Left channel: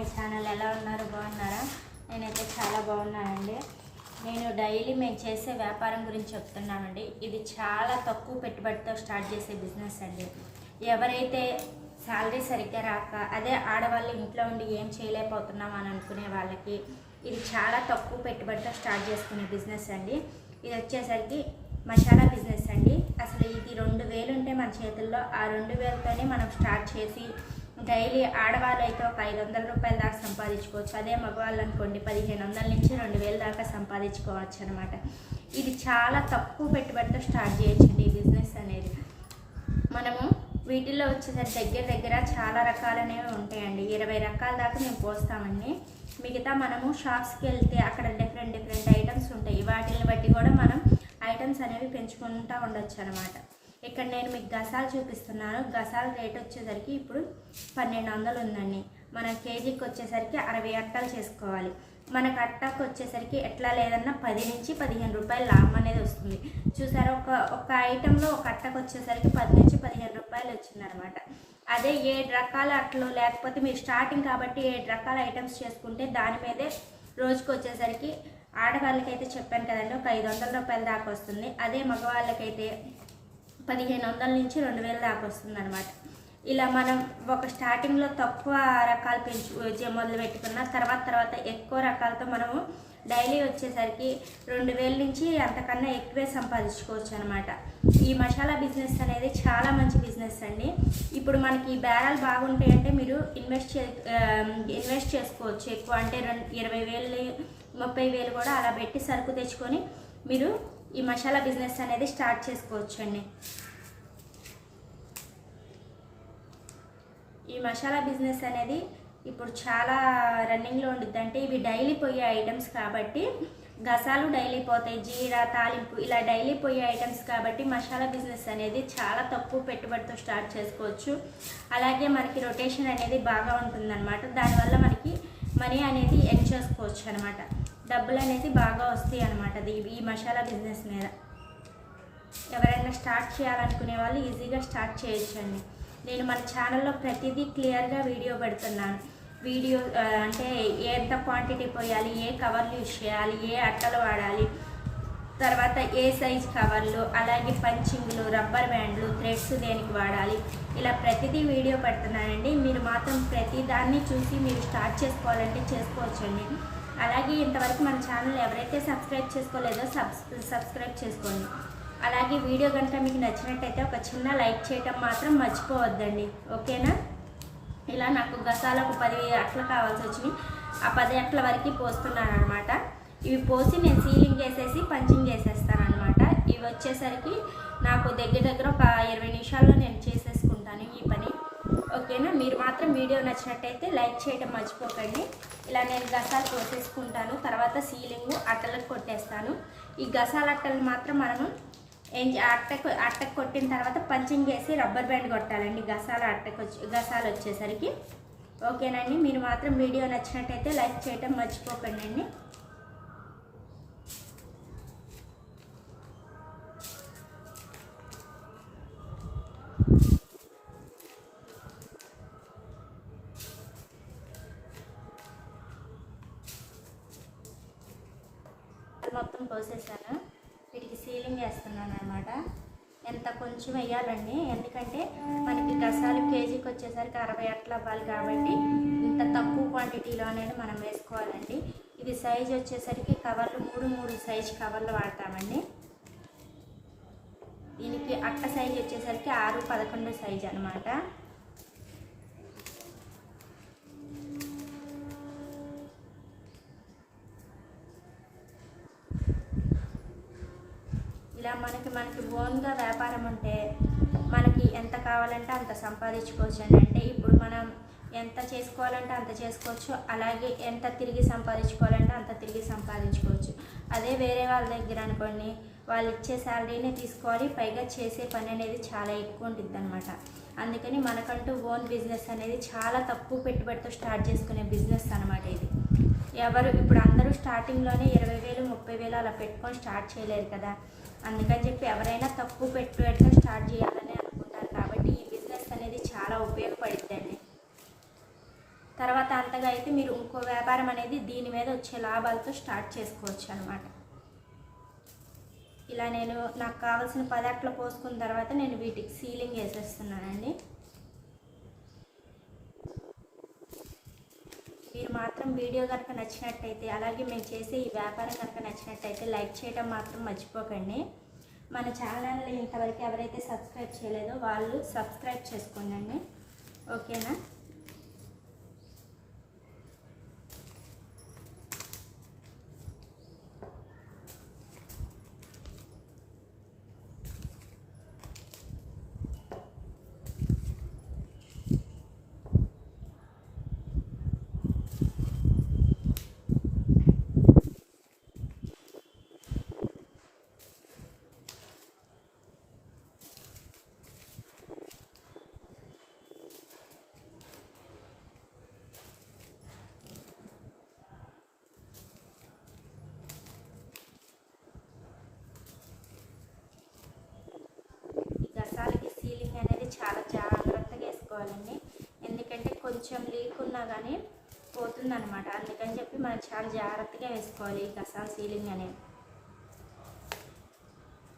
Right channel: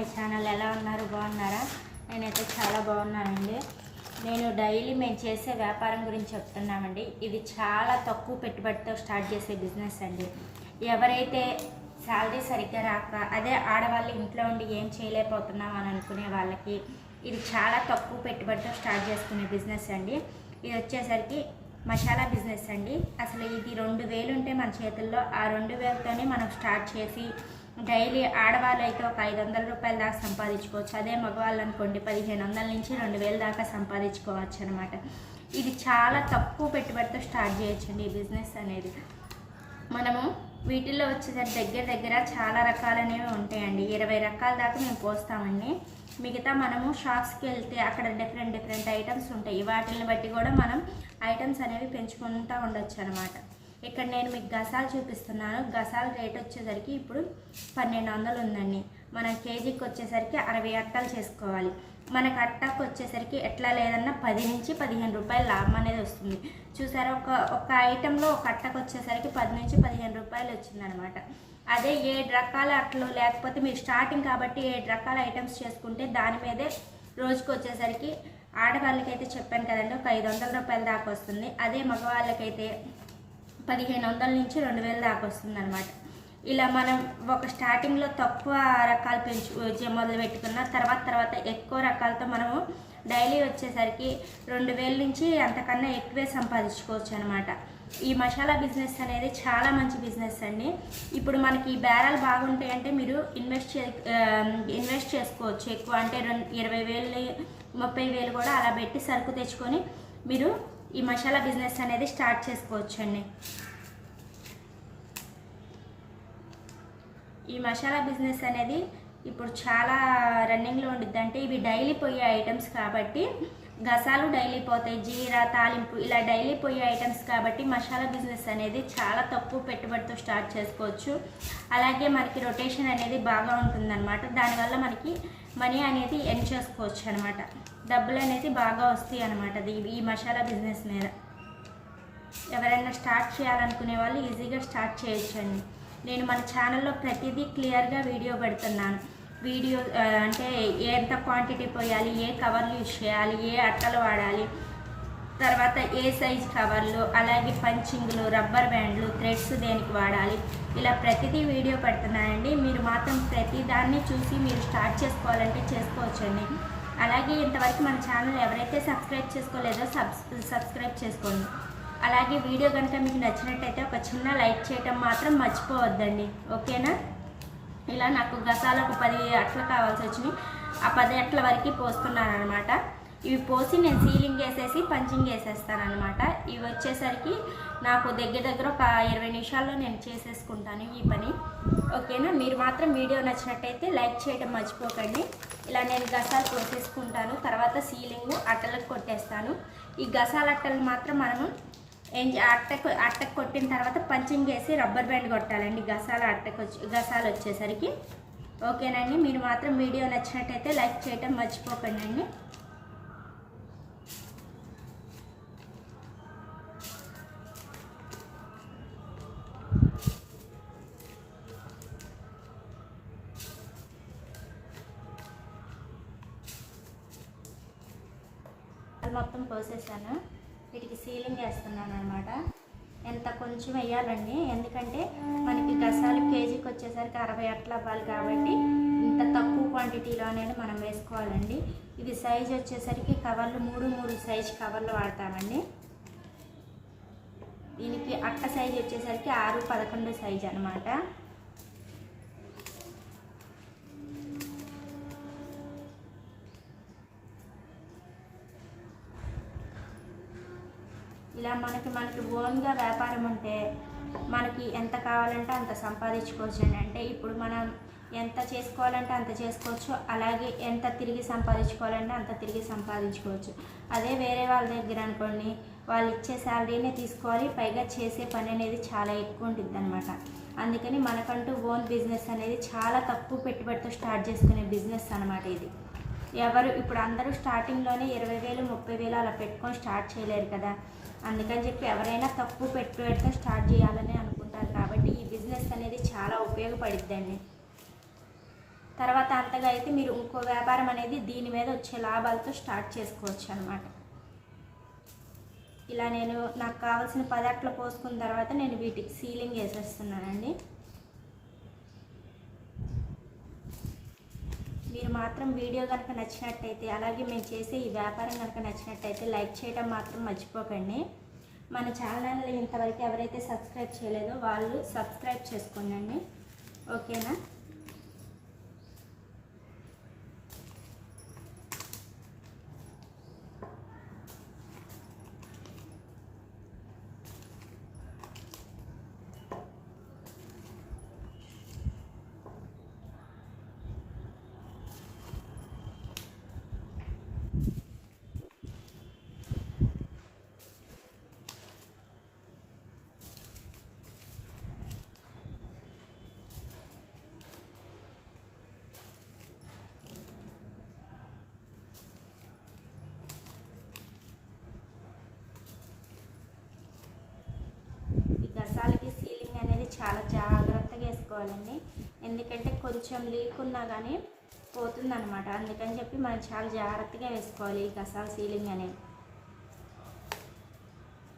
My channel. ఎలా ఉన్నారు? బాగున్నారా? నేనైతే చాలా బాగున్నానండి. నేను డైలీ మేము చేసే వ్యాపారం గురించి చెప్తున్నామండి. ఇది చాలా తక్కువ పెట్టుబడితో స్టార్ట్ చేసే బిజినెస్ అండి. ఎవరైతే శాలరీ సరిగ్గా రాక అదే ఆడవాళ్ళు ఇంట్లో ఉండి ఏం చేయలేకపోతున్నాం అని అనుకునే వాళ్ళకి ఇది చాలా తక్కువ పెట్టుబడితో స్టార్ట్ చేసుకునే బిజినెస్ అండి. ఇది వచ్చేసరికి మసాలా బిజినెస్ అండి. అసలు ఇది 2000 ఉంటే మన చేతుల్లో ఆ 2000తోనే మనం స్టార్ట్ చేసి డైలీ ఆడవాళ్ళు అయితే ఒక 500 రూపాయల దాకా సంపాదించుకోవచ్చు. అదే మగవాళ్ళు అనుకోండి 1500 నుంచి 2000 దాకా సంపాదించుకోవచ్చు అనమాట. ఇది చాలా తక్కువ పెట్టుబడితో స్టార్ట్ చేయొచ్చండి ఈ బిజినెస్ అనేది. మనము వీటిల్లో వచ్చేసరికి దగ్గర చాలా రకాలనేవి ఉంటాయండి. 20 రకాల దాకా మేము పోస్తామండి. మిగతా మనము షాప్స్కి వెళ్తే అక్కడ డిఫరెంట్ ఐటమ్స్ ఉంటాయి. వాటిని బట్టి కూడా మనం ఐటమ్స్ అనేవి పెంచుకుంటూ ఉండొచ్చు అనమాట. ఇక్కడ నేను మీకు గసాలు చూపిస్తున్నాను. గసాల రేట్ వచ్చేసరికి ఇప్పుడు 1200 ఉందండి. మన కేజీకి వచ్చేసరికి 60 అట్టలు చేసుకోవాలి. మనకు అట్టకు వచ్చేసరికి ఎట్లా లేదన్నా 10 నుంచి 15 రూపాయలు లాభం అనేది వస్తుంది. చూసారా, ఒక ఐటెంలో ఒక అట్టకు వచ్చేసరికి 10 నుంచి 15 రూపాయలు వచ్చిందనమాట. అదే 7 రకాల అట్లు లేకపోతే మీరు స్టార్టింగ్ కాబట్టి 7 రకాల ఐటమ్స్ చేసుకుంటే దాని మీదే రోజుకి వచ్చేసరికి ఆడవాళ్ళకైతే చెప్పాను కదండి ఒక 500 రూపాయల దాకా వస్తుంది. అదే మగవాళ్ళకైతే 1500 నుంచి 2000 దాకా వస్తుంది అనమాట. ఇలా మనం ఒక స్టార్టింగ్లో తక్కువ రకాలు మొదలు పెట్టుకున్న తర్వాత ఎక్కువ రకాలతో మనము డైలీ వచ్చేసరికి 2000 నుంచి అంతకన్నా ఎక్కువే సంపాదించుకోవచ్చు అనమాట. ఈ మసాలా బిజినెస్ అనేది చాలా మంచి బిజినెస్ అండి. ఇప్పుడు మనకి బేరాలు బాగుంటాయి అంటే మీరు ఇన్వెస్ట్ చేసుకోవచ్చు ఎక్కువ. అంటే 20,000 30,000 కూడా అలా పెట్టి సరుకు తెచ్చుకొని మీరు ఈ మసాలా బిజినెస్ అనేది స్టార్ట్ చేసుకోవచ్చు అండి. ఈ మసాలా బిజినెస్ అనేది ఇప్పుడు చాలా రన్నింగ్లో ఉండిద్ది. అంటే ఇవి డైలీ పోయే ఐటమ్స్ కాబట్టి గసాలు డైలీ పోతాయి, జీరా తాలింపు ఇలా డైలీ పోయే ఐటమ్స్ కాబట్టి మసాలా బిజినెస్ అనేది చాలా తక్కువ పెట్టుబడితో స్టార్ట్ చేసుకోవచ్చు. అలాగే మనకి రొటేషన్ అనేది బాగా ఉంటుందన్నమాట. దానివల్ల మనకి మనీ అనేది ఎర్న్ చేసుకోవచ్చు అనమాట. డబ్బులు అనేది బాగా వస్తాయి అనమాట ఈ మసాలా బిజినెస్ మీద. ఎవరైనా స్టార్ట్ చేయాలనుకునే వాళ్ళు ఈజీగా స్టార్ట్ చేయొచ్చండి. నేను మన ఛానల్లో ప్రతిదీ క్లియర్గా వీడియో పెడుతున్నాను. అంటే ఎంత క్వాంటిటీ పోయాలి, ఏ కవర్లు యూజ్ చేయాలి, ఏ అట్టలు వాడాలి, తర్వాత ఏ సైజ్ కవర్లు, అలాగే పంచింగ్లు, రబ్బర్ బ్యాండ్లు, థ్రెడ్స్ దేనికి వాడాలి, ఇలా ప్రతిదీ వీడియో పెడుతున్నానండి. మీరు మాత్రం ప్రతి దాన్ని చూసి మీరు స్టార్ట్ చేసుకోవాలంటే చేసుకోవచ్చండి. అలాగే ఇంతవరకు మన ఛానల్ ఎవరైతే సబ్స్క్రైబ్ చేసుకోలేదో సబ్స్క్రైబ్ చేసుకోండి. అలాగే వీడియో కనుక మీకు నచ్చినట్టయితే ఒక చిన్న లైక్ చేయటం మాత్రం మర్చిపోవద్దండి, ఓకేనా? ఇలా నాకు గసాలు ఒక 10 అట్లు కావాల్సి వచ్చినాయి. ఆ 10 అట్ల వరకు పోస్తున్నాను అనమాట. ఇవి పోసి నేను సీలింగ్ వేసేసి పంచింగ్ వేసేస్తాను అనమాట. ఇవి వచ్చేసరికి నాకు దగ్గర ఒక 20 నిమిషాల్లో నేను చేసేసుకుంటాను ఈ పని, ఓకేనా? మీరు మాత్రం వీడియో నచ్చినట్టయితే లైక్ చేయడం మర్చిపోకండి. ఇలా నేను గసాలు పోసేసుకుంటాను. తర్వాత సీలింగ్ అట్టలకు కొట్టేస్తాను. ఈ గసాల అట్టలు మాత్రం మనము అట్టకు కొట్టిన తర్వాత పంచింగ్ వేసి రబ్బర్ బ్యాండ్ కొట్టాలండి గసాలు వచ్చేసరికి, ఓకేనండి? మీరు మాత్రం వీడియో నచ్చినట్టయితే లైక్ చేయటం మర్చిపోకండి అండి. మొత్తం పోసేసాను. వీటికి సీలింగ్ వేస్తున్నాను అనమాట. ఎంత కొంచెం వేయాలండి, ఎందుకంటే మనకి గసాలు కేజీకి వచ్చేసరికి 60 అట్లా అవ్వాలి కాబట్టి ఇంత తక్కువ క్వాంటిటీలో అనేది మనం వేసుకోవాలండి. ఇది సైజ్ వచ్చేసరికి కవర్లు 3 సైజ్ కవర్లు వాడతామండి. దీనికి అట్ట సైజ్ వచ్చేసరికి 6-11 సైజ్ అనమాట. ఇలా మనకి ఓన్గా వ్యాపారం ఉంటే మనకి ఎంత కావాలంటే అంత సంపాదించుకోవచ్చు అండి. అంటే ఇప్పుడు మనం ఎంత చేసుకోవాలంటే అంత చేసుకోవచ్చు. అలాగే ఎంత తిరిగి సంపాదించుకోవాలంటే అంత తిరిగి సంపాదించుకోవచ్చు. అదే వేరే వాళ్ళ దగ్గర అనుకోండి, వాళ్ళు ఇచ్చే శాలరీనే తీసుకోవాలి, పైగా చేసే పని అనేది చాలా ఎక్కువ ఉంటుంది అనమాట. అందుకని మనకంటూ ఓన్ బిజినెస్ అనేది చాలా తక్కువ పెట్టుబడితో స్టార్ట్ చేసుకునే బిజినెస్ అనమాట ఇది. ఇప్పుడు అందరూ స్టార్టింగ్లోనే 20,000 30,000 అలా పెట్టుకొని స్టార్ట్ చేయలేరు కదా. అందుకని చెప్పి ఎవరైనా తక్కువ పెట్టుబడితో స్టార్ట్ చేయాలని అనుకుంటారు కాబట్టి ఈ బిజినెస్ అనేది చాలా ఉపయోగపడుతుందండి. తర్వాత అంతగా అయితే మీరు ఇంకో వ్యాపారం అనేది దీని మీద వచ్చే లాభాలతో స్టార్ట్ చేసుకోవచ్చు అనమాట. ఇలా నేను నాకు కావాల్సిన పదార్థాలు పోసుకున్న తర్వాత నేను వీటికి సీలింగ్ వేసేస్తున్నానండి. మీరు మాత్రం వీడియో కనుక నచ్చినట్టయితే, అలాగే మేము చేసే ఈ వ్యాపారం కనుక నచ్చినట్టయితే లైక్ చేయడం మాత్రం మర్చిపోకండి. మన ఛానల్ని ఇంతవరకు ఎవరైతే సబ్స్క్రైబ్ చేయలేదో వాళ్ళు సబ్స్క్రైబ్ చేసుకోండి. ఓకేనా? గసాలకి సీలింగ్ అనేది చాలా జాగ్రత్తగా వేసుకోవాలండి. ఎందుకంటే కొంచెం లీక్ ఉన్నా కానీ పోతుందన్నమాట. అందుకని చెప్పి మనం చాలా జాగ్రత్తగా వేసుకోవాలి ఈ గసాల సీలింగ్ అనేది.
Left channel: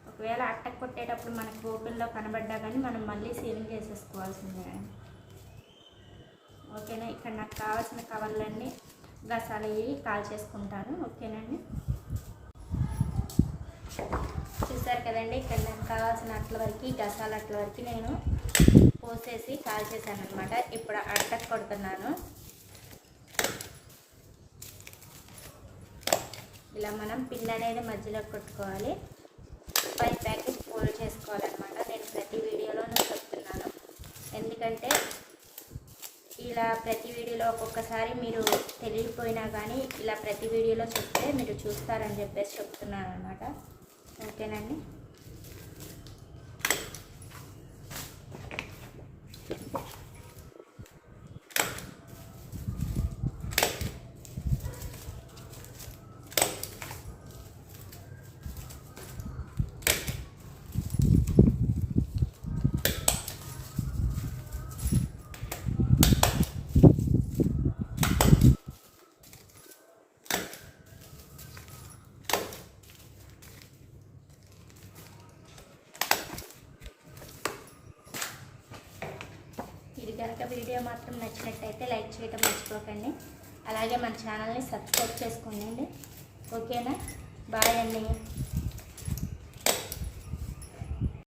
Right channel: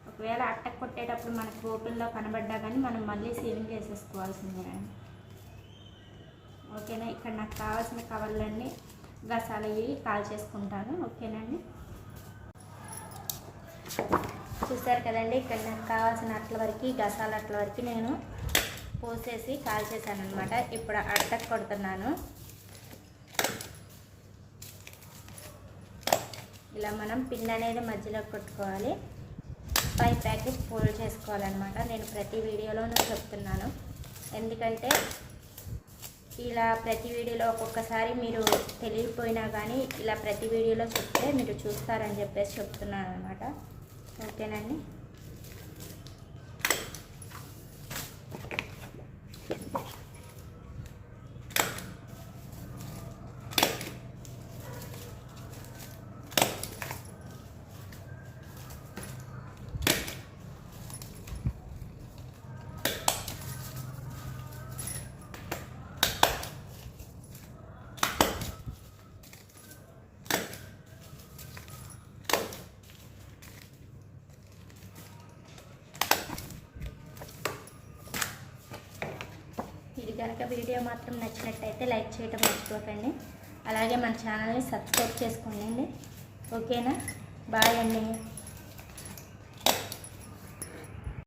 ఒకవేళ అట్ట కొట్టేటప్పుడు మనకు ఓపెన్లో కనబడ్డా కానీ మనం మళ్ళీ సీలింగ్ వేసేసుకోవాల్సిందేనండి. ఓకేనా? ఇక్కడ నాకు కావాల్సిన కవర్లన్నీ గసాలు ఇవి కాల్ చేసుకుంటాను. ఓకేనండి? చూసారు కదండి, ఇక్కడ నాకు కావాల్సిన అట్ల వరకు గసాల అట్ల వరకు నేను పోసేసి కాల్చేసాను అనమాట. ఇప్పుడు అట్టకు కొడుతున్నాను. ఇలా మనం పిన్ అనేది మధ్యలో కొట్టుకోవాలి. 5 ప్యాకెట్స్ ఫోల్డ్ చేసుకోవాలన్నమాట. నేను ప్రతి వీడియోలోనూ చెప్తున్నాను. ఎందుకంటే ఇలా ప్రతి వీడియోలో ఒక్కొక్కసారి మీరు తెలియకపోయినా కానీ ఇలా ప్రతి వీడియోలో చెప్తే మీరు చూస్తారని చెప్పేసి చెప్తున్నాను అనమాట. ఓకేనండి? ఇది కనుక వీడియో మాత్రం నచ్చినట్టయితే లైక్ చేయడం మర్చిపోకండి. అలాగే మన ఛానల్ని సబ్స్క్రైబ్ చేసుకోండి. ఓకేనా? బాయ్ అండి.